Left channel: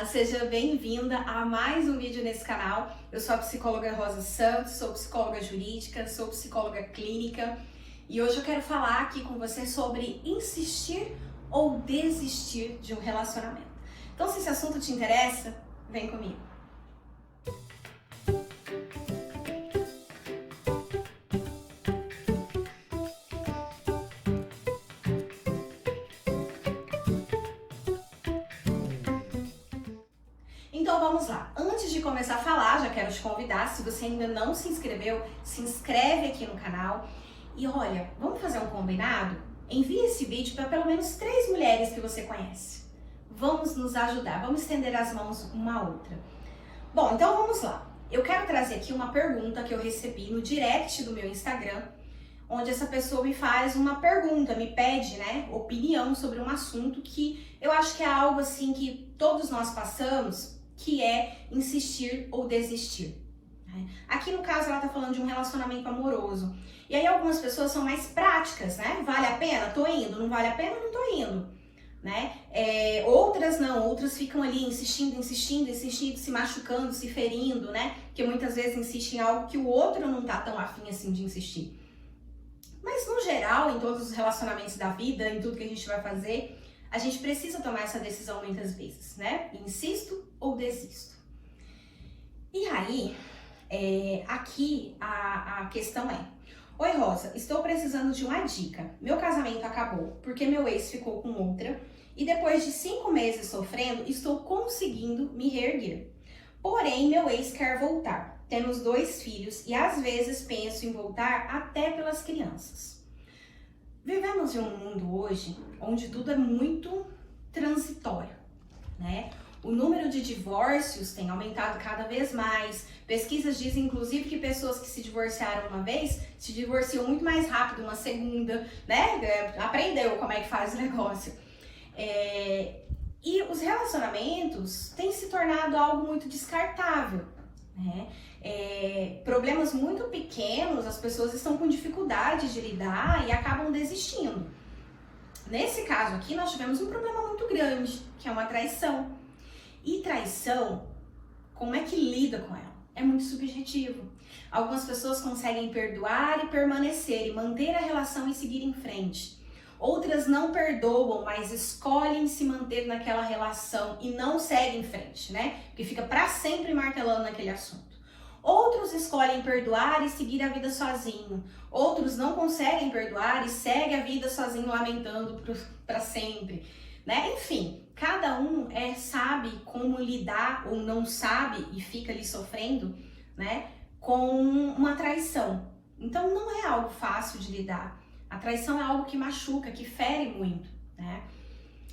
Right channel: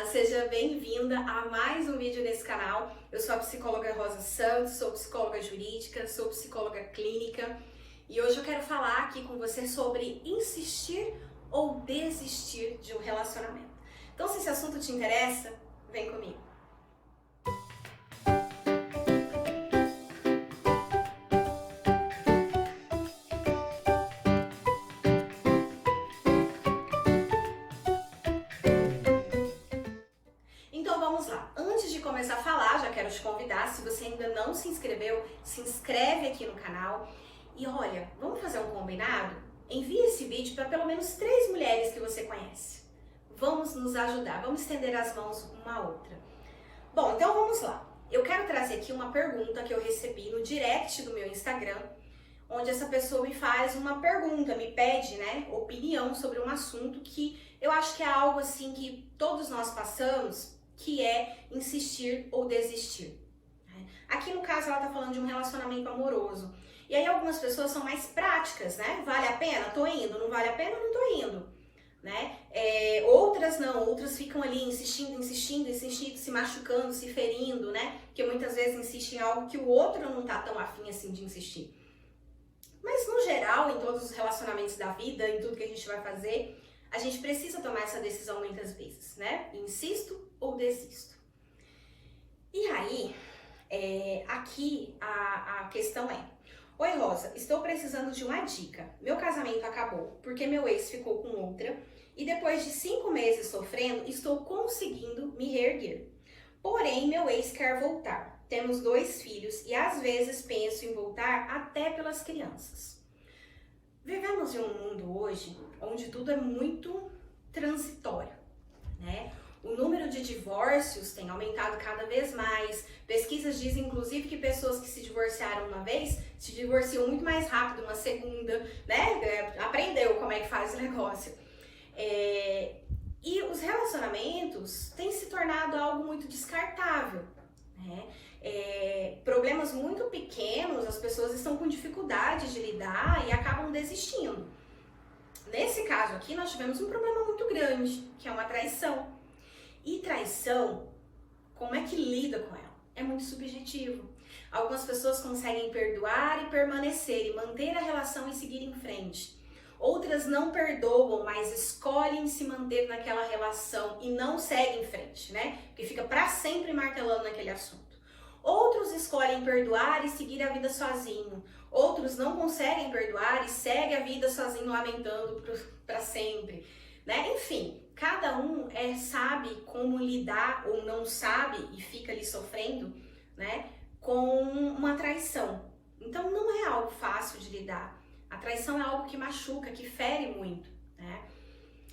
Olá, seja bem-vinda a mais um vídeo nesse canal. Eu sou a psicóloga Rosa Santos, sou psicóloga jurídica, sou psicóloga clínica e hoje eu quero falar aqui com você sobre insistir ou desistir de um relacionamento. Então, se esse assunto te interessa, vem comigo. Então vamos lá, antes de começar a falar, já quero te convidar, se você ainda não se inscreveu, se inscreve aqui no canal e olha, vamos fazer um combinado? Envie esse vídeo para pelo menos 3 mulheres que você conhece. Vamos nos ajudar, vamos estender as mãos uma à outra. Bom, então vamos lá. Eu quero trazer aqui uma pergunta que eu recebi no direct do meu Instagram, onde essa pessoa me faz uma pergunta, me pede, opinião sobre um assunto que eu acho que é algo assim que todos nós passamos, que é insistir ou desistir. Aqui no caso ela tá falando de um relacionamento amoroso. E aí algumas pessoas são mais práticas, né? Vale a pena? Tô indo. Não vale a pena? Não tô indo. Outras não, outras ficam ali insistindo, se machucando, se ferindo, né? Porque muitas vezes insistem em algo que o outro não tá tão afim assim de insistir. Mas no geral, em todos os relacionamentos da vida, em tudo que a gente vai fazer, a gente precisa tomar essa decisão muitas vezes, né? Insisto ou desisto. E aí, aqui a questão é: oi Rosa, estou precisando de uma dica. Meu casamento acabou porque meu ex ficou com outra e depois de 5 meses sofrendo, estou conseguindo me reerguer. Porém, meu ex quer voltar. Temos 2 filhos e às vezes penso em voltar até pelas crianças. Vivemos em um mundo hoje onde tudo é muito transitório, né? O número de divórcios tem aumentado cada vez mais. Pesquisas dizem, inclusive, que pessoas que se divorciaram uma vez se divorciam muito mais rápido uma segunda, né? Aprendeu como é que faz o negócio. E os relacionamentos têm se tornado algo muito descartável, né? Problemas muito pequenos, as pessoas estão com dificuldade de lidar e acabam desistindo. Nesse caso aqui, nós tivemos um problema muito grande, que é uma traição. E traição, como é que lida com ela? É muito subjetivo. Algumas pessoas conseguem perdoar e permanecer e manter a relação e seguir em frente. Outras não perdoam, mas escolhem se manter naquela relação e não seguem em frente, né? Porque fica para sempre martelando naquele assunto. Outros escolhem perdoar e seguir a vida sozinho. Outros não conseguem perdoar e seguem a vida sozinho, lamentando para sempre, né? Enfim, cada um sabe como lidar ou não sabe e fica ali sofrendo, né, com uma traição. Então não é algo fácil de lidar. A traição é algo que machuca, que fere muito, né?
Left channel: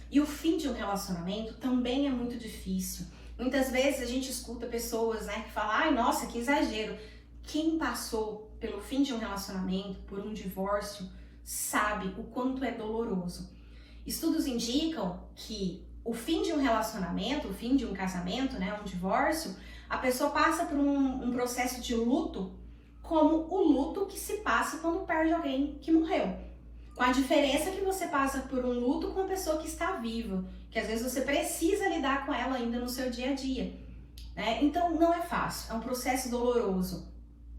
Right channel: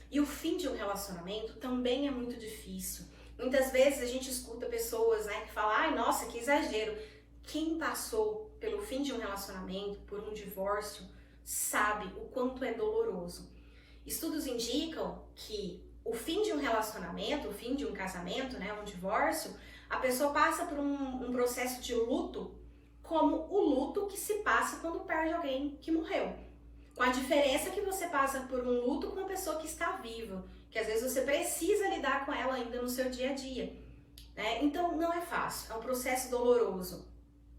E o fim de um relacionamento também é muito difícil. Muitas vezes a gente escuta pessoas, que falam: ai, nossa, que exagero. Quem passou pelo fim de um relacionamento, por um divórcio, sabe o quanto é doloroso. Estudos indicam que o fim de um relacionamento, o fim de um casamento, um divórcio, a pessoa passa por um processo de luto, como o luto que se passa quando perde alguém que morreu. Com a diferença que você passa por um luto com uma pessoa que está viva, que às vezes você precisa lidar com ela ainda no seu dia a dia, né? Então não é fácil, é um processo doloroso.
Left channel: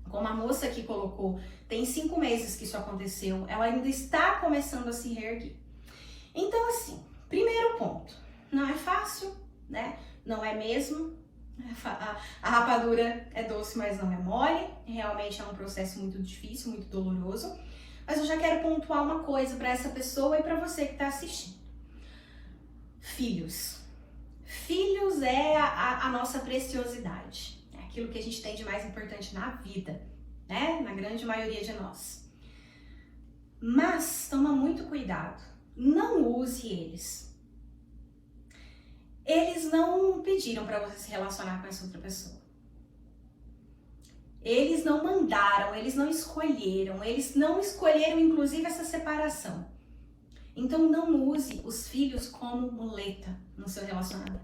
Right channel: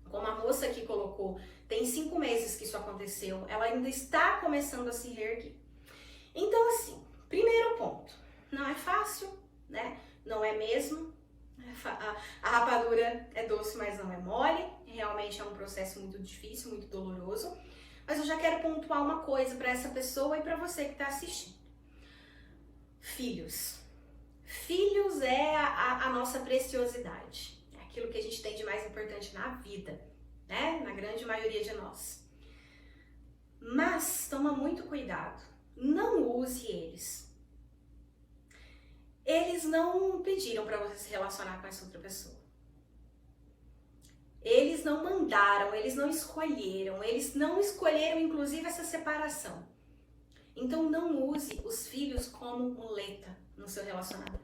Como a moça aqui colocou, tem 5 meses que isso aconteceu, ela ainda está começando a se reerguer. Então assim, primeiro ponto, não é fácil, né? Não é mesmo. A rapadura é doce, mas não é mole. Realmente é um processo muito difícil, muito doloroso. Mas eu já quero pontuar uma coisa para essa pessoa e para você que está assistindo. Filhos. Filhos é a nossa preciosidade. É aquilo que a gente tem de mais importante na vida, né? Na grande maioria de nós. Mas toma muito cuidado. Não use eles. Eles não pediram para você se relacionar com essa outra pessoa. Eles não mandaram, eles não escolheram inclusive essa separação. Então não use os filhos como muleta no seu relacionamento.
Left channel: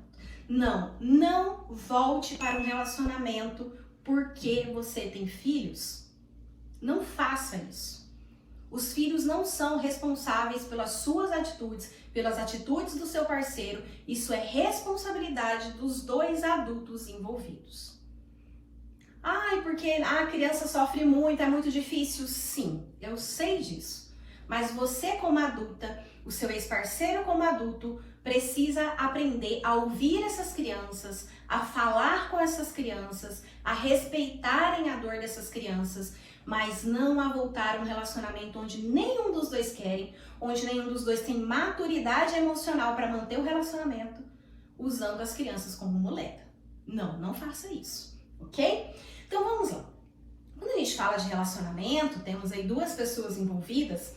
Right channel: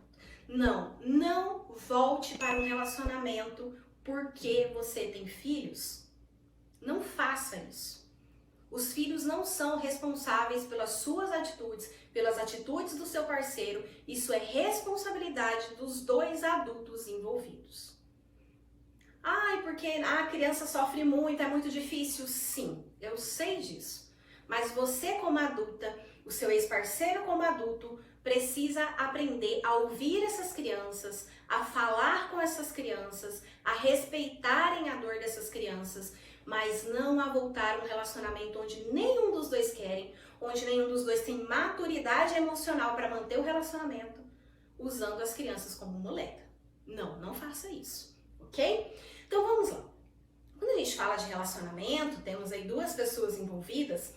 Não volte para um relacionamento porque você tem filhos. Não faça isso. Os filhos não são responsáveis pelas suas atitudes, pelas atitudes do seu parceiro. Isso é responsabilidade dos dois adultos envolvidos. Ai, porque a criança sofre muito, é muito difícil. Sim, eu sei disso. Mas você como adulta, o seu ex-parceiro como adulto, precisa aprender a ouvir essas crianças, a falar com essas crianças, a respeitarem a dor dessas crianças, mas não a voltar a um relacionamento onde nenhum dos dois querem, onde nenhum dos dois tem maturidade emocional para manter o relacionamento, usando as crianças como muleta. Não, não faça isso, ok? Então vamos lá. Quando a gente fala de relacionamento, temos aí duas pessoas envolvidas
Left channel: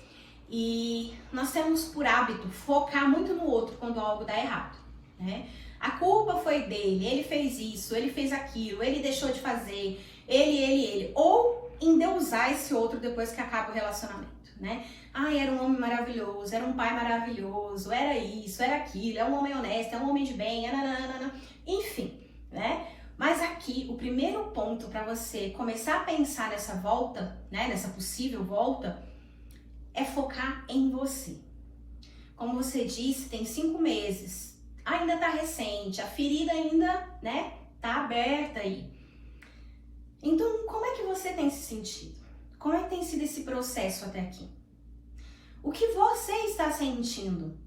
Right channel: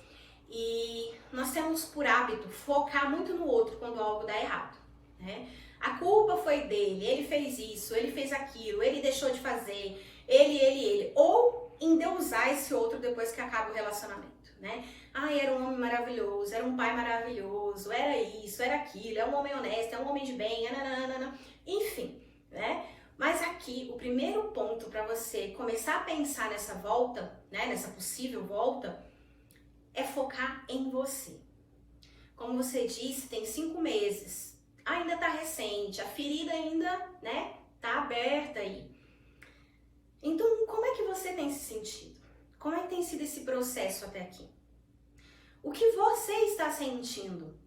e nós temos por hábito focar muito no outro quando algo dá errado, né? A culpa foi dele, ele fez isso, ele fez aquilo, ele deixou de fazer, ele. Ou endeusar esse outro depois que acaba o relacionamento, né? Ai, era um homem maravilhoso, era um pai maravilhoso, era isso, era aquilo, é um homem honesto, é um homem de bem, nananana, enfim, né? Mas aqui, o primeiro ponto para você começar a pensar nessa volta, né, nessa possível volta, é focar em você. Como você disse, tem 5 meses, ainda tá recente, a ferida ainda, né, tá aberta aí. Então, como é que você tem se sentido? Como é que tem sido esse processo até aqui? O que você está sentindo?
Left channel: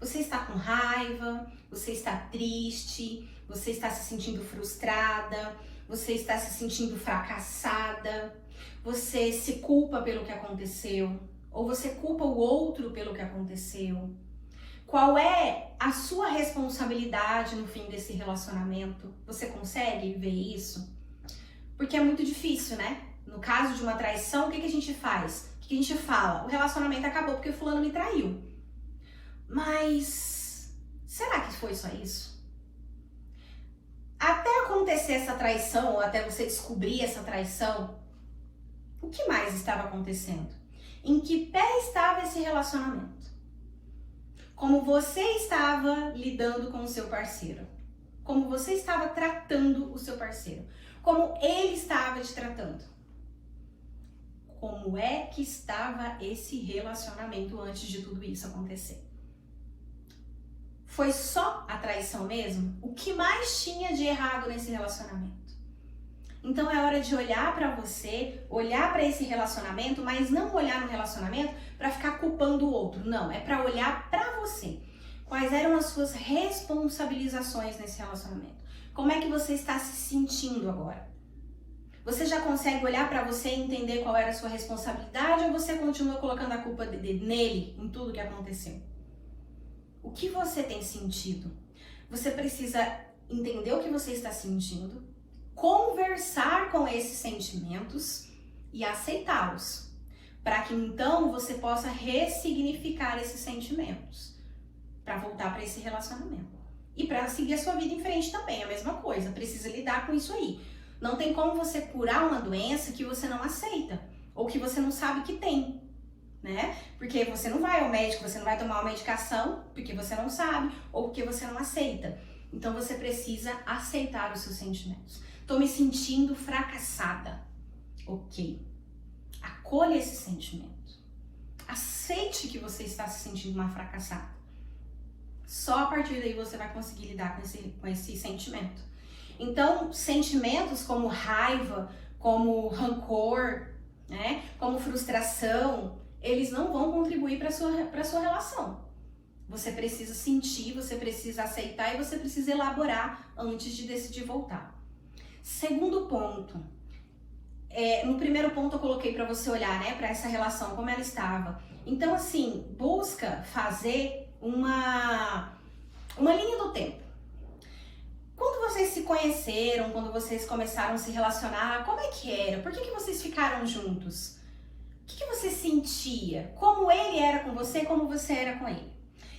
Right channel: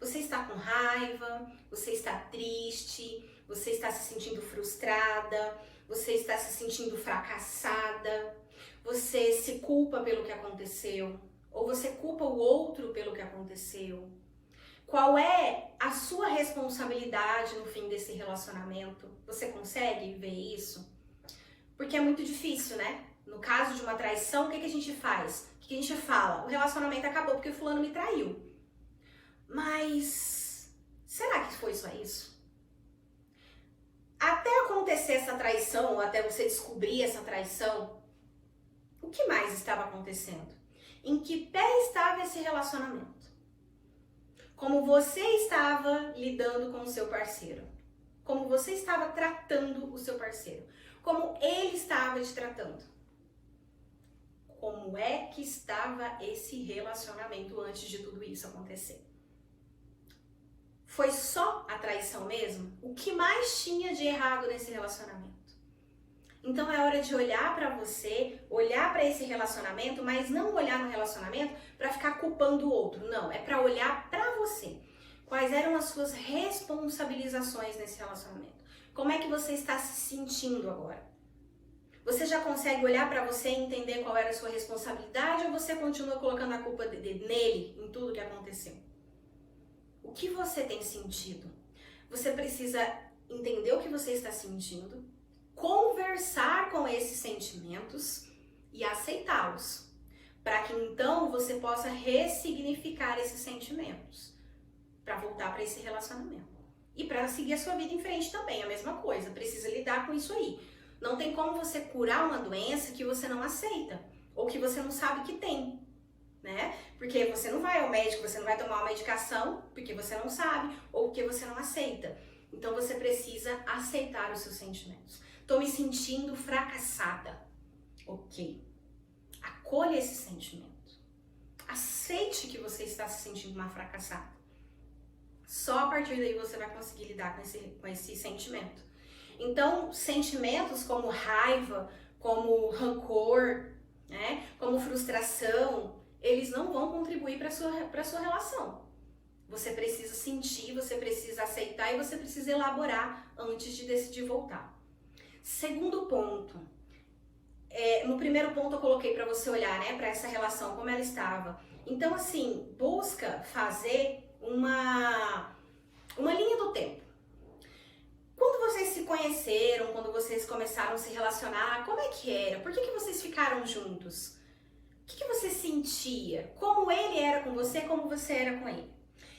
Você está com raiva? Você está triste? Você está se sentindo frustrada? Você está se sentindo fracassada? Você se culpa pelo que aconteceu? Ou você culpa o outro pelo que aconteceu? Qual é a sua responsabilidade no fim desse relacionamento? Você consegue ver isso? Porque é muito difícil, né? No caso de uma traição, o que a gente faz? O que a gente fala? O relacionamento acabou porque fulano me traiu. Mas será que foi só isso? Até acontecer essa traição, ou até você descobrir essa traição, o que mais estava acontecendo? Em que pé estava esse relacionamento? Como você estava lidando com o seu parceiro? Como você estava tratando o seu parceiro? Como ele estava te tratando? Como é que estava esse relacionamento antes de tudo isso acontecer? Foi só a traição mesmo? O que mais tinha de errado nesse relacionamento? Então é hora de olhar para você, olhar para esse relacionamento, mas não olhar no relacionamento para ficar culpando o outro. Não, é para olhar para você. Quais eram as suas responsabilizações nesse relacionamento? Como é que você está se sentindo agora? Você já consegue olhar para você e entender qual era a sua responsabilidade ou você continua colocando a culpa nele em tudo que aconteceu? O que você tem sentido? Você precisa entender o que você está sentindo, conversar com esses sentimentos e aceitá-los, para que então você possa ressignificar esses sentimentos, para voltar para esse relacionamento. E para seguir a sua vida em frente também, a mesma coisa, precisa lidar com isso aí. Não tem como você curar uma doença que você não aceita, ou que você não sabe que tem, né? Porque você não vai ao médico, você não vai tomar uma medicação porque você não sabe, ou porque você não aceita. Então você precisa aceitar os seus sentimentos. Tô me sentindo fracassada. Ok. Acolha esse sentimento. Aceite que você está se sentindo uma fracassada. Só a partir daí você vai conseguir lidar com esse sentimento. Então, sentimentos como raiva, como rancor, né, como frustração, eles não vão contribuir para a sua relação. Você precisa sentir, você precisa aceitar e você precisa elaborar antes de decidir voltar. Segundo ponto, no primeiro ponto eu coloquei para você olhar, né, para essa relação, como ela estava. Então, assim, busca fazer uma linha do tempo. Quando vocês se conheceram, quando vocês começaram a se relacionar, como é que era? Por que vocês ficaram juntos? O que você sentia? Como ele era com você, como você era com ele?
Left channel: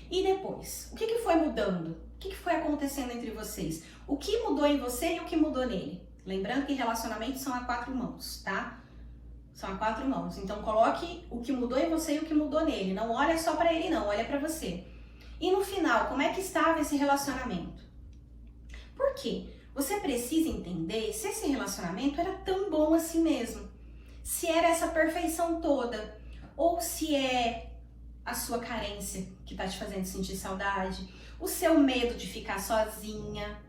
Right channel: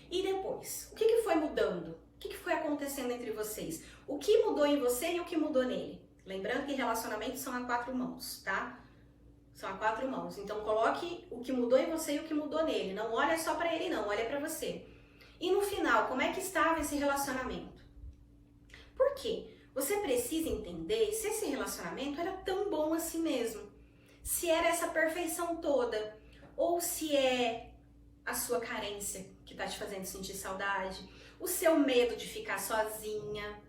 E depois, o que foi mudando? O que foi acontecendo entre vocês? O que mudou em você e o que mudou nele? Lembrando que relacionamentos são a 4 mãos, tá? São a 4 mãos. Então coloque o que mudou em você e o que mudou nele. Não olha só pra ele não, olha pra você. E no final, como é que estava esse relacionamento? Por quê? Você precisa entender se esse relacionamento era tão bom assim mesmo. Se era essa perfeição toda. ou se é a sua carência que tá te fazendo sentir saudade, o seu medo de ficar sozinha,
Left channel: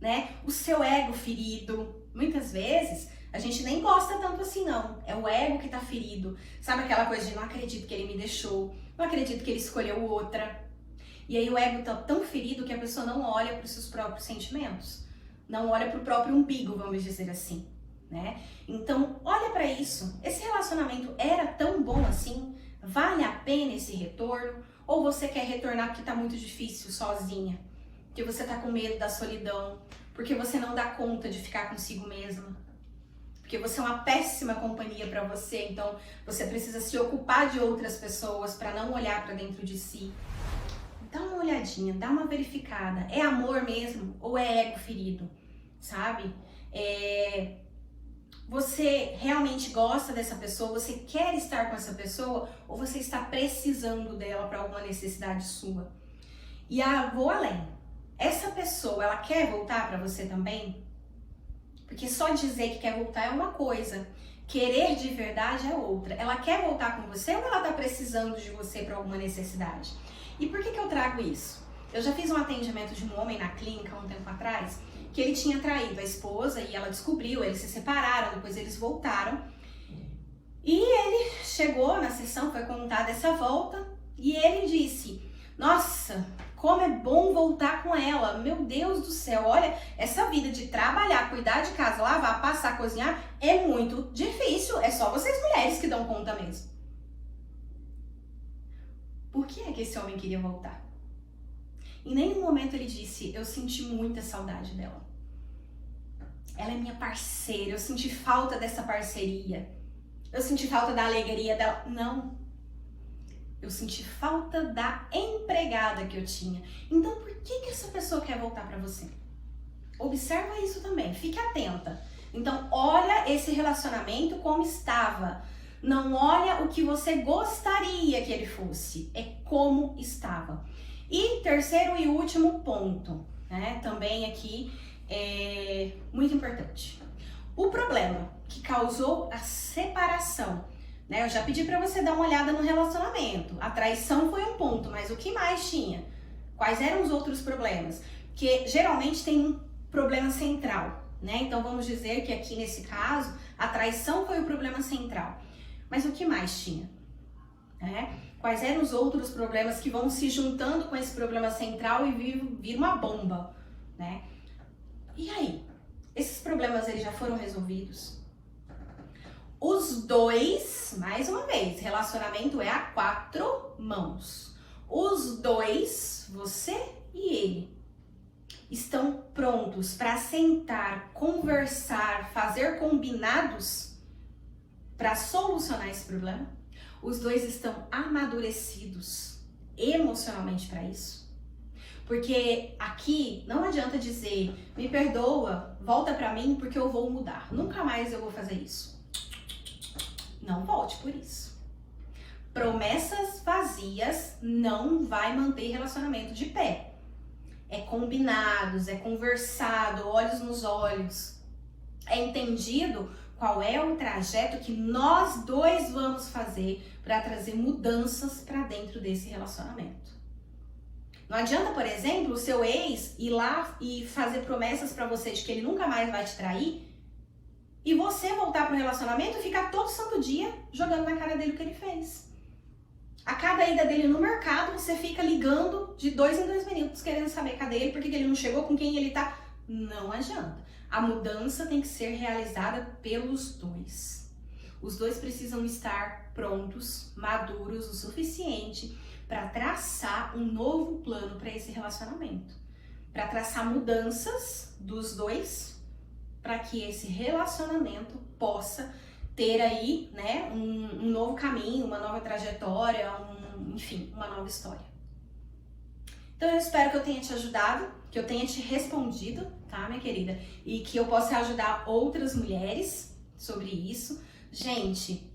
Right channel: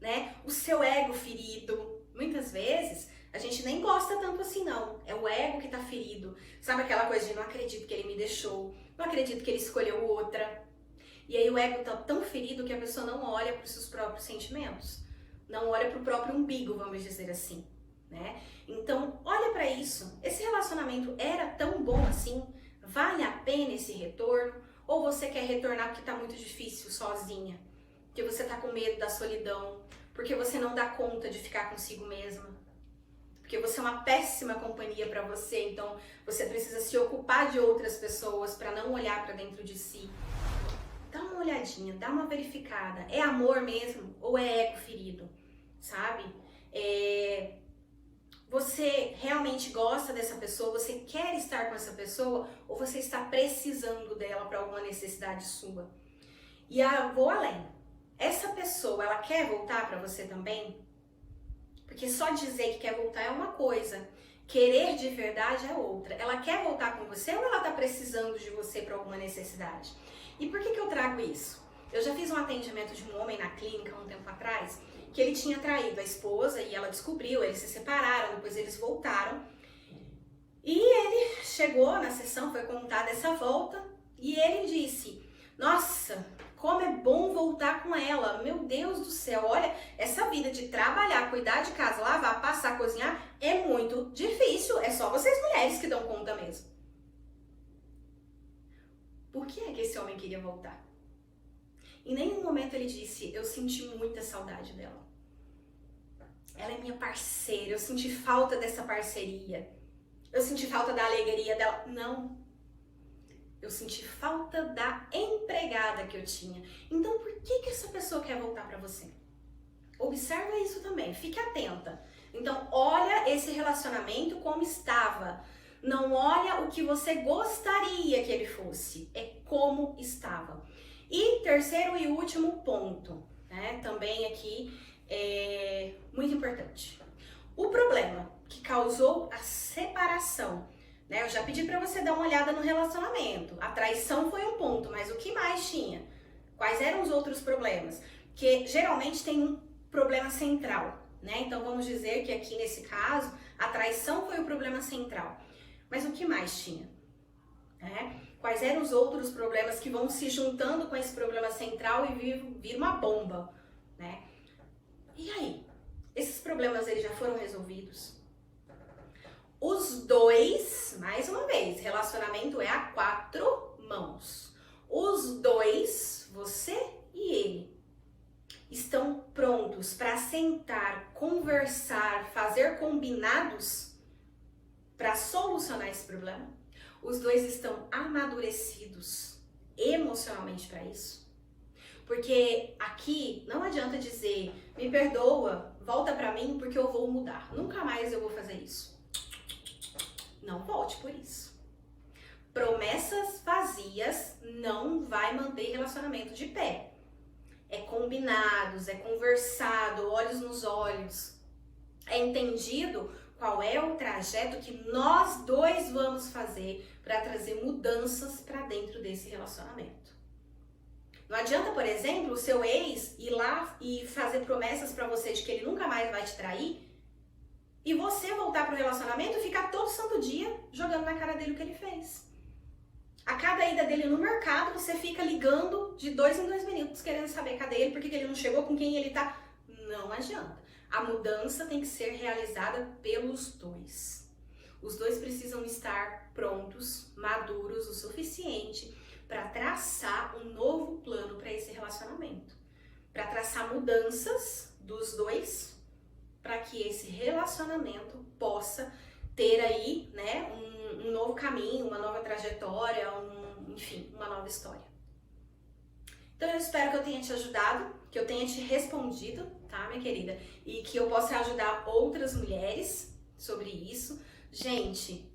né? O seu ego ferido. Muitas vezes a gente nem gosta tanto assim, não. É o ego que tá ferido. Sabe aquela coisa de não acredito que ele me deixou, não acredito que ele escolheu outra. E aí o ego tá tão ferido que a pessoa não olha para os seus próprios sentimentos, não olha para o próprio umbigo, vamos dizer assim, né? Então, olha para isso. Esse relacionamento era tão bom assim? Vale a pena esse retorno? Ou você quer retornar porque tá muito difícil sozinha? Porque você tá com medo da solidão? Porque você não dá conta de ficar consigo mesma? Porque você é uma péssima companhia para você, então você precisa se ocupar de outras pessoas para não olhar para dentro de si. Dá uma olhadinha, dá uma verificada. É amor mesmo ou é ego ferido? Sabe? Você realmente gosta dessa pessoa? Você quer estar com essa pessoa? Ou você está precisando dela para alguma necessidade sua? E vou além. Essa pessoa, ela quer voltar para você também? Porque só dizer que quer voltar é uma coisa, querer de verdade é outra. Ela quer voltar com você ou ela tá precisando de você para alguma necessidade? E por que eu trago isso? Eu já fiz um atendimento de um homem na clínica há um tempo atrás, que ele tinha traído a esposa e ela descobriu, eles se separaram, depois eles voltaram. E ele chegou na sessão, foi contar dessa volta, e ele disse: nossa, como é bom voltar com ela, meu Deus do céu, olha, essa vida de trabalhar, cuidar de casa, lavar, passar, cozinhar, é muito difícil, é só vocês mulheres que dão conta mesmo. Por que é que esse homem queria voltar? Em nenhum momento ele disse: eu senti muita saudade dela. Ela é minha parceira, eu senti falta dessa parceria. Eu senti falta da alegria dela. Não. Eu senti falta da empregada que eu tinha. Então, por que essa pessoa quer voltar para você? Observa isso também, fique atenta. Então, olha esse relacionamento como estava. Não olha o que você gostaria que ele fosse, é como estava. E terceiro e último ponto, né? Também aqui é muito importante. O problema que causou a separação, né? Eu já pedi para você dar uma olhada no relacionamento. A traição foi um ponto, mas o que mais tinha? Quais eram os outros problemas? Que geralmente tem um problema central, né? Então vamos dizer que aqui nesse caso a traição foi o problema central. Mas o que mais tinha? Quais eram os outros problemas que vão se juntando com esse problema central e vir uma bomba, né? E aí? Esses problemas eles já foram resolvidos? Os dois, mais uma vez, relacionamento é a 4 mãos. Os dois, você e ele, estão prontos para sentar, conversar, fazer combinados para solucionar esse problema? Os dois estão amadurecidos emocionalmente para isso? Porque aqui não adianta dizer: me perdoa, volta para mim porque eu vou mudar. Nunca mais eu vou fazer isso. Não volte por isso. Promessas vazias não vai manter relacionamento de pé. É combinados, é conversado, olhos nos olhos. É entendido qual é o trajeto que nós dois vamos fazer para trazer mudanças para dentro desse relacionamento. Não adianta, por exemplo, o seu ex ir lá e fazer promessas para você de que ele nunca mais vai te trair e você voltar pro relacionamento e ficar todo santo dia jogando na cara dele o que ele fez. A cada ida dele no mercado, você fica ligando de 2 em 2 minutos querendo saber cadê ele, por que ele não chegou, com quem ele tá. Não adianta. A mudança tem que ser realizada pelos dois. Os dois precisam estar prontos, maduros o suficiente para traçar um novo plano para esse relacionamento. Para traçar mudanças dos dois, para que esse relacionamento possa ter aí, né, um novo caminho, uma nova trajetória, enfim, uma nova história. Então eu espero que eu tenha te ajudado, que eu tenha te respondido, tá, minha querida? E que eu possa ajudar outras mulheres sobre isso. Gente,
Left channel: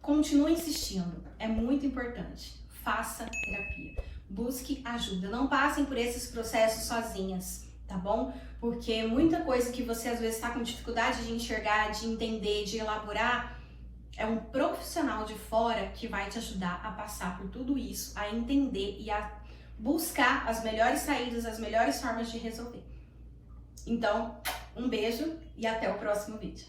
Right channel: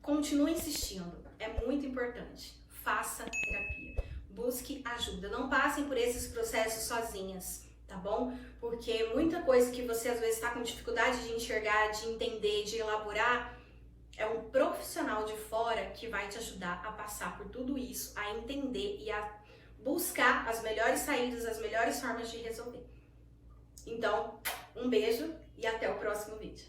continue insistindo, é muito importante. Faça terapia, busque ajuda, não passem por esses processos sozinhas, tá bom? Porque muita coisa que você às vezes está com dificuldade de enxergar, de entender, de elaborar, É um profissional de fora que vai te ajudar a passar por tudo isso, a entender e a buscar as melhores saídas, as melhores formas de resolver. Então, um beijo e até o próximo vídeo.